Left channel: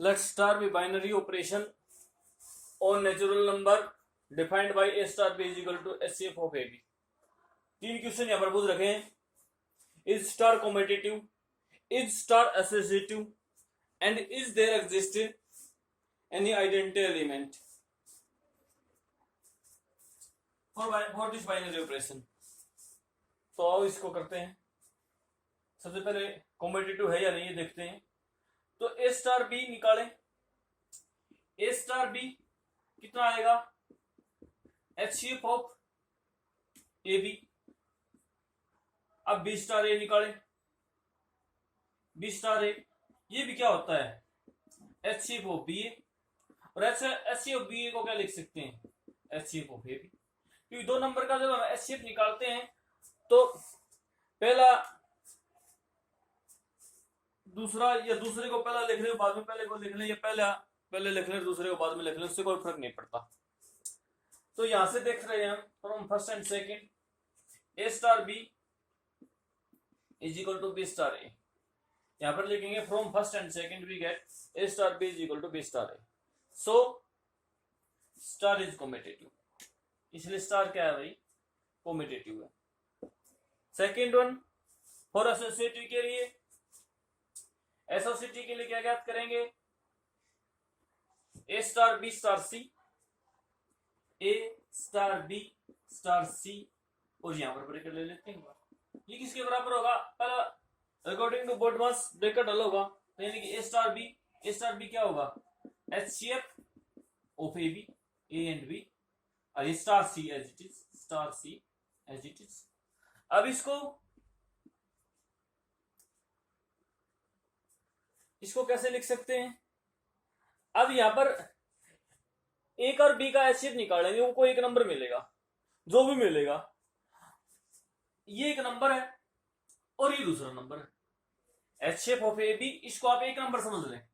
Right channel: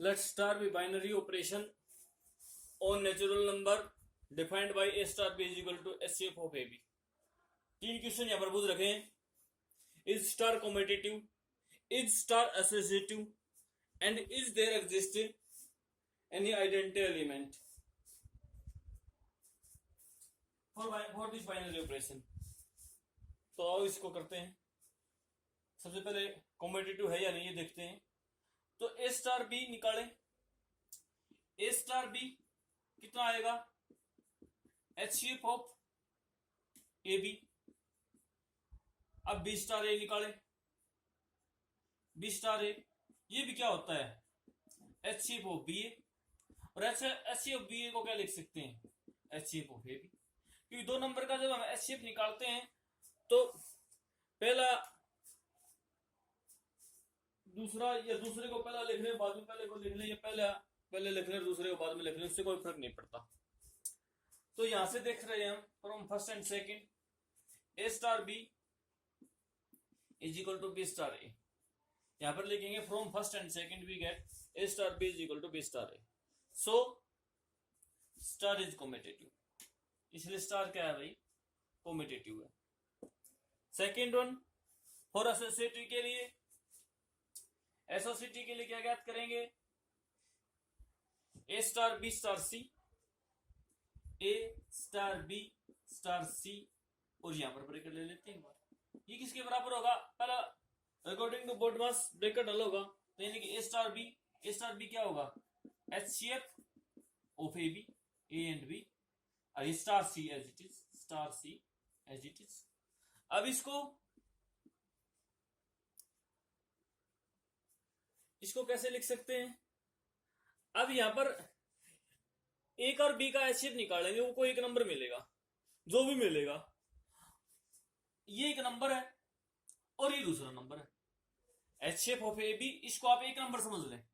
Let's start with binary operation on natural number defined by a star b is equal to HCF of AB. तीन question यहाँ पर पूछ रखे हैं. Is star commutative? Is star associative? And is there exist any identity element for this binary operation? तो आओ इसको करते हैं. सबसे पहले कॉम्पिटिटिव है या नहीं ये देखते हैं. तो ए स्टार बी निकालें. ए स्टार बी कितना आएगा? HCF of A B. अब बी स्टार ए निकालें. बी स्टार ए ये भी क्या होता है? HCF ऑफ बी ए. और HCF ऑफ बी ए को क्या लिख सकते हैं? HCF of A B. क्योंकि दो नंबर का जब हम HCF निकालते हैं तो पहला दूसरा या दूसरे को पहला लिख रहे हो बाद में पहले को लिख लें या पहले लिख लें दूसरे को बाद में लिख लें, उससे कोई फर्क नहीं पड़ता. तो यहां से देख रहे हैं हम from first and second A star B is equal to B star A. यहां पर लिखेंगे from first and second we get A star B is equal to B star A. So star is competitive. इसलिए star क्या है भाई? Competitive है. Second one for associative के लिए, एसोसिएटिव के लिए क्या ज्ञात करेंगे? A star B star C. A star B star सी और यहां पर ब्रैकेट ले लेते हैं. ये किसके बराबर होगा? पहला अकॉर्डिंग टू बोडमास ब्रैकेट अलग होगा, यानी कि ए स्टार बी क्या होगा? HCF of A B, A and B, और star C as it is, star C as it is. अब इसको कैसे लिख सकते हैं? अब यहां पर एक और बी का HCF निकालेंगे, उनको एक नंबर मिलेगा. जो भी मिलेगा, ये एक नंबर है और ये दूसरा नंबर है. HCF ऑफ ए बी, इसको आप एक नंबर समझ लें,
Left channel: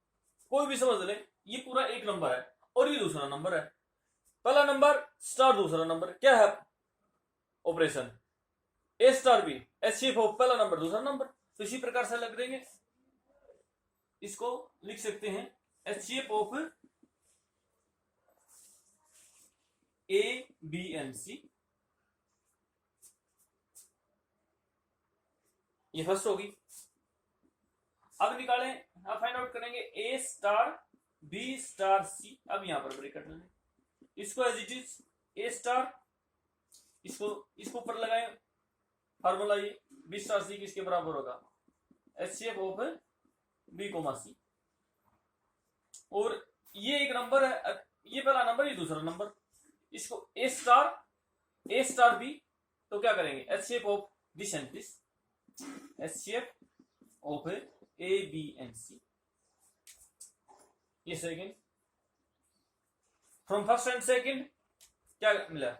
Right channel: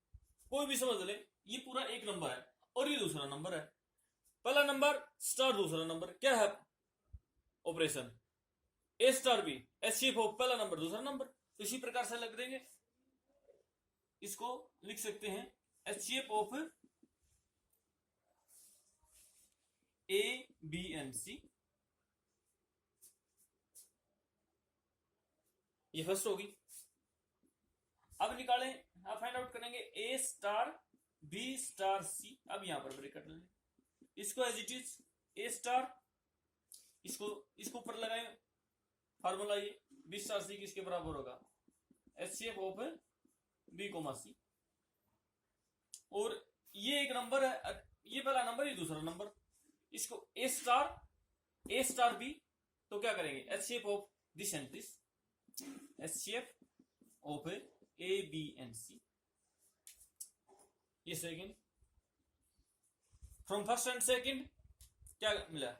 कोई भी समझ लें. ये पूरा एक नंबर है और ये दूसरा नंबर है. पहला नंबर स्टार, दूसरा नंबर क्या है? Operation A star B, HCF of पहला नंबर दूसरा नंबर. तो इसी प्रकार से लग देंगे. इसको लिख सकते हैं HCF of A B and C. ये फर्स्ट होगी. अब निकालें, अब फाइंड आउट करेंगे A star B star C. अब यहां पर ब्रैकेट लें, इसको as it is A star, इसको ऊपर लगाएं. फार्मूला ये बी स्टार सी किसके बराबर होगा? HCF of B comma C. और ये एक नंबर है, ये पहला नंबर, ये दूसरा नंबर. इसको ए स्टार बी, तो क्या करेंगे? HCF of this and this, HCF of A B and C. ये second. From first and second क्या मिला?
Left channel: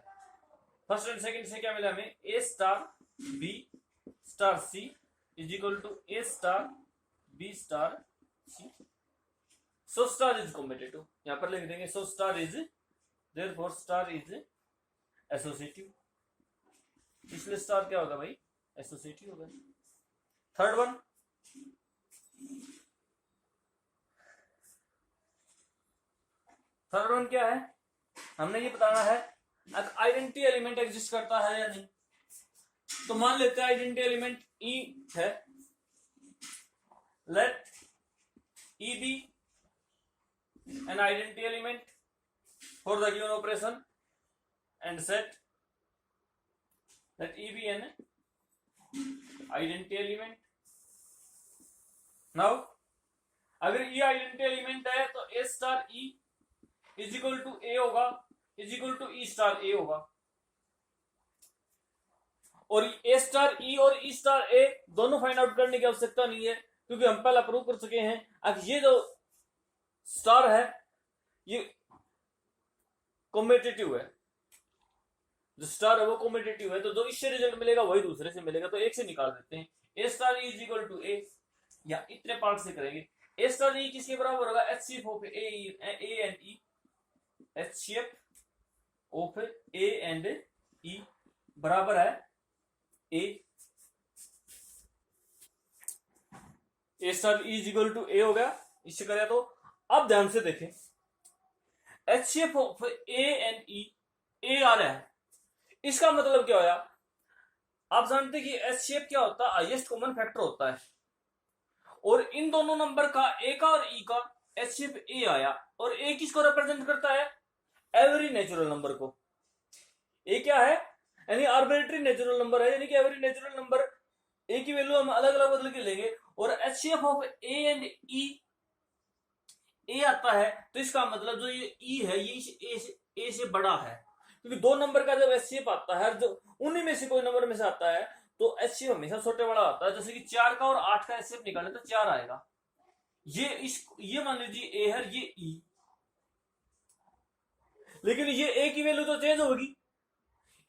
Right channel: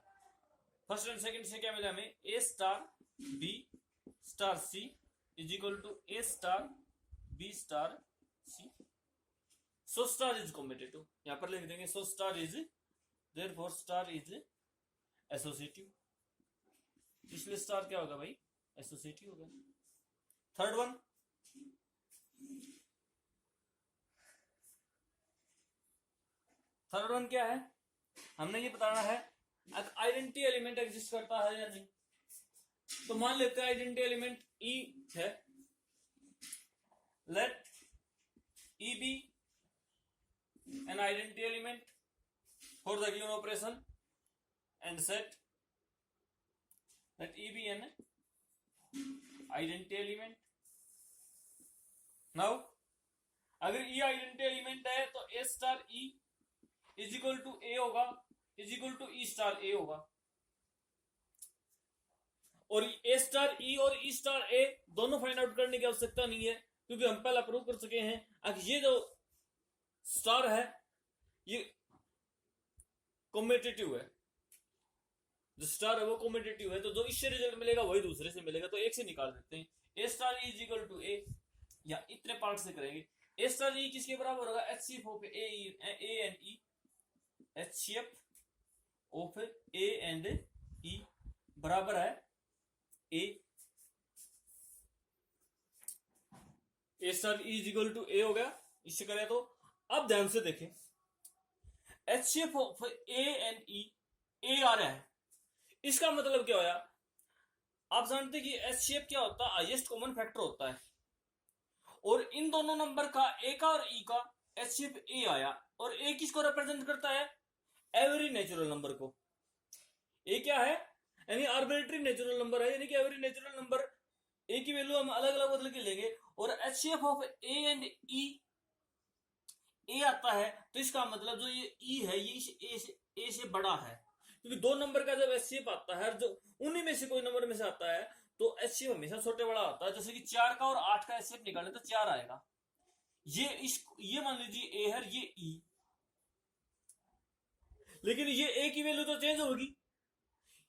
फर्स्ट एंड सेकंड से क्या मिला हमें? A star B star C is equal to A star B star C. So star is competitive. यहां पर लिख देंगे so star is, therefore star is associative. इसलिए स्टार क्या होगा भाई? एसोसिएटिव होगा. थर्ड वन क्या है? हमने ये बताना है आइडेंटिटी एलिमेंट एग्जिस्ट करता है या नहीं. तो मान लेते हैं आइडेंटिटी एलिमेंट ई है. Let E be an identity element for the given operation and set that E be an identity element. Now अगर E identity element है तो A star E is equal to A होगा, is equal to E star A होगा. और A star E और E star A दोनों find out करने की आवश्यकता नहीं है, क्योंकि हम पहला प्रूव कर चुके हैं. अब ये जो स्टार है ये कॉम्पिटिटिव है, जो स्टार है वो कॉम्पिटिटिव है. तो जो इससे रिजल्ट मिलेगा वही दूसरे से मिलेगा. तो एक से निकाल देते हैं. ए स्टार इज इक्वल टू ए, या इतने पार्ट से करेंगे. ए स्टार ई किसके बराबर होगा? HCF of A and E. HCF of A and E बराबर है A. A star is equal to A हो गया. इससे करें तो अब ध्यान से देखें, HCF ऑफ ए एंड ई, ए आ रहा है, इसका मतलब क्या होया? आप जानते हैं कि HCF क्या होता है? हाईएस्ट कॉमन फैक्टर होता है, और इन दोनों नंबर का, ए का और ई का, HCF ए आया, और ए किसको रिप्रेजेंट करता है? एवरी नेचुरल नंबर को। ए क्या है? यानी आर्बिट्रेरी नेचुरल नंबर है, यानी कि एवरी नेचुरल नंबर ए की वैल्यू हम अलग अलग बदल के लेंगे, और HCF ऑफ ए एंड ई, ए आता है, तो इसका मतलब जो ये ई है ये इस ए से बड़ा है, क्योंकि दो नंबर का जब HCF आता है, जो उन्हीं में से कोई नंबर में से आता है, तो HCF हमेशा छोटे बड़ा आता है। जैसे कि 4 का और 8 का HCF निकालें तो 4 आएगा। ये मान लीजिए ए है, ये ई, लेकिन ये ए की वैल्यू तो चेंज होगी,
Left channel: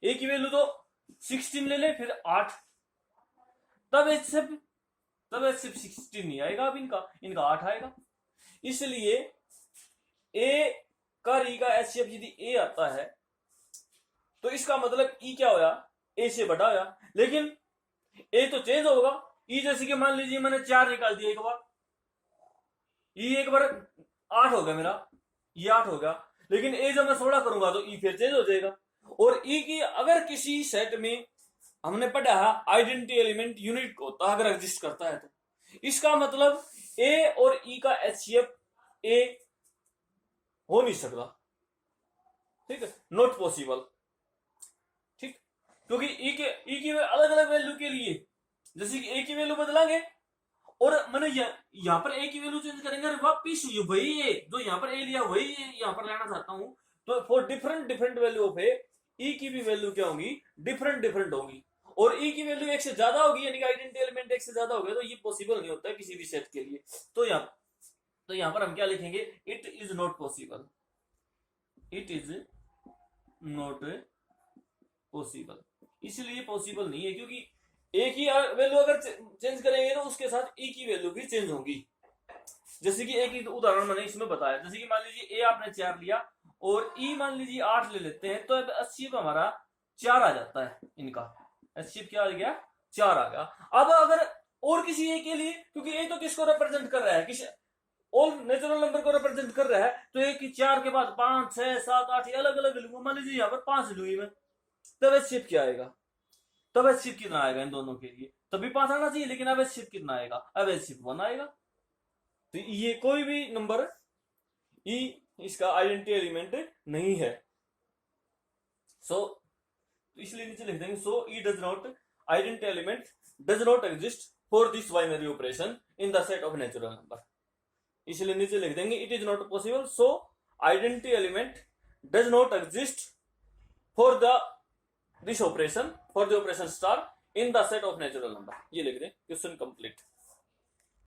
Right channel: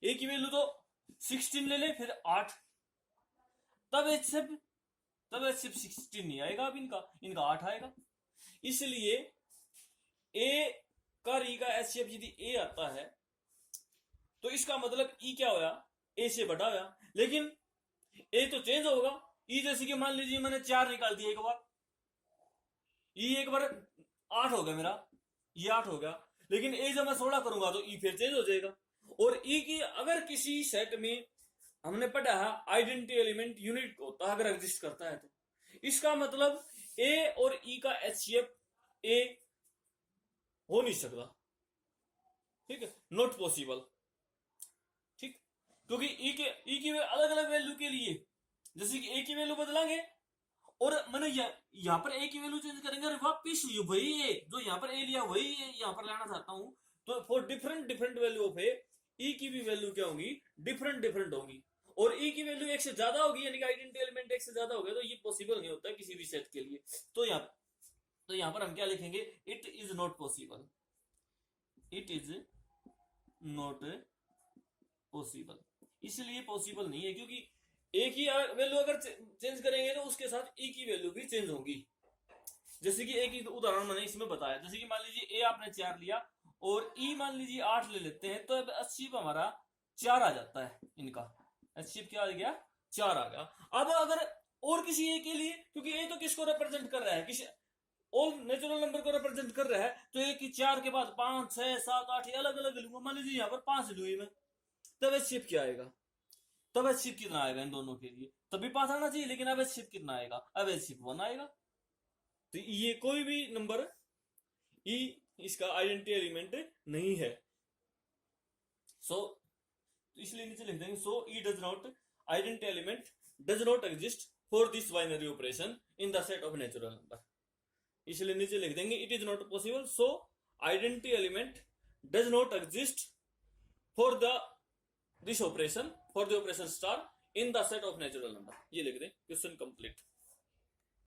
ए की वैल्यू तो 16 ले ले, फिर 8, तब HCF 16 नहीं आएगा, अब इनका 8 आएगा। इसलिए ए का ई का HCF यदि ए आता है, तो इसका मतलब ई क्या होया? ए से बड़ा होया, लेकिन ए तो चेंज होगा। ई जैसे कि मान लीजिए मैंने 4 निकाल दिया एक बार, ई एक बार 8 हो गया मेरा, ये 8 हो गया, लेकिन ए जब मैं 16 करूंगा तो ई फिर चेंज हो जाएगा। और ई की अगर किसी सेट में हमने पढ़ा है आइडेंटिटी एलिमेंट यूनिट होता है, अगर एग्जिस्ट करता है, तो इसका मतलब ए और ई का HCF ए हो नहीं सकता, ठीक है, नॉट पॉसिबल, ठीक, क्योंकि ई की अलग अलग वैल्यू के लिए, जैसे कि ए की वैल्यू बदलांगे और मैंने यहाँ पर ए की वैल्यू चेंज करेंगे, वापिस वही ए जो यहाँ पर ए लिया वही ए यहाँ पर लाना चाहता हूं, तो फॉर डिफरेंट वैल्यू ऑफ ए, ई की भी वैल्यू क्या होगी? डिफरेंट होगी, और ई की वैल्यू एक से ज्यादा होगी, यानी कि आइडेंटिटी एलिमेंट एक से ज्यादा हो गया, तो ये पॉसिबल नहीं होता है किसी भी सेट के लिए। तो यहाँ पर हम क्या लिखेंगे? It is not possible, it is not possible, इसलिए पॉसिबल नहीं है, क्योंकि ए की वैल्यू अगर चेंज करेंगे तो उसके साथ ई की वैल्यू भी चेंज होगी। जैसे कि एक उदाहरण मैंने इसमें बताया, जैसे कि मान लीजिए ए आपने 4 लिया और ई मान लीजिए 8 ले लेते हैं, तो HCF हमारा 4 आ जाता है, इनका HCF क्या आ गया? 4 आ गया। अब अगर और किसी ए के लिए, क्योंकि ए तो किसको रिप्रेजेंट कर रहा है? किसी ऑल नेचुरल नंबर को रिप्रेजेंट कर रहा है, तो ए की 4 के बाद 5, 6, 7, 8 ये अलग अलग लूंगा, मान लीजिए यहाँ पर 5 लूंगी मैं, तब HCF क्या आएगा? तब HCF कितना आएगा इन दोनों के लिए? तभी 5 आना चाहिए, लेकिन अब HCF कितना आएगा? अब HCF 1 आएगा। तो ये कोई भी नंबर ई इसका आइडेंटिटी एलिमेंट नहीं है। सो इसलिए नीचे लिख देंगे, so E does not, identity element does not exist for this binary operation in the set of natural number. इसलिए नीचे लिख देंगे it is not possible, so identity element does not exist for the this operation, for the operation star in the set of natural number. ये लिख दें, question complete.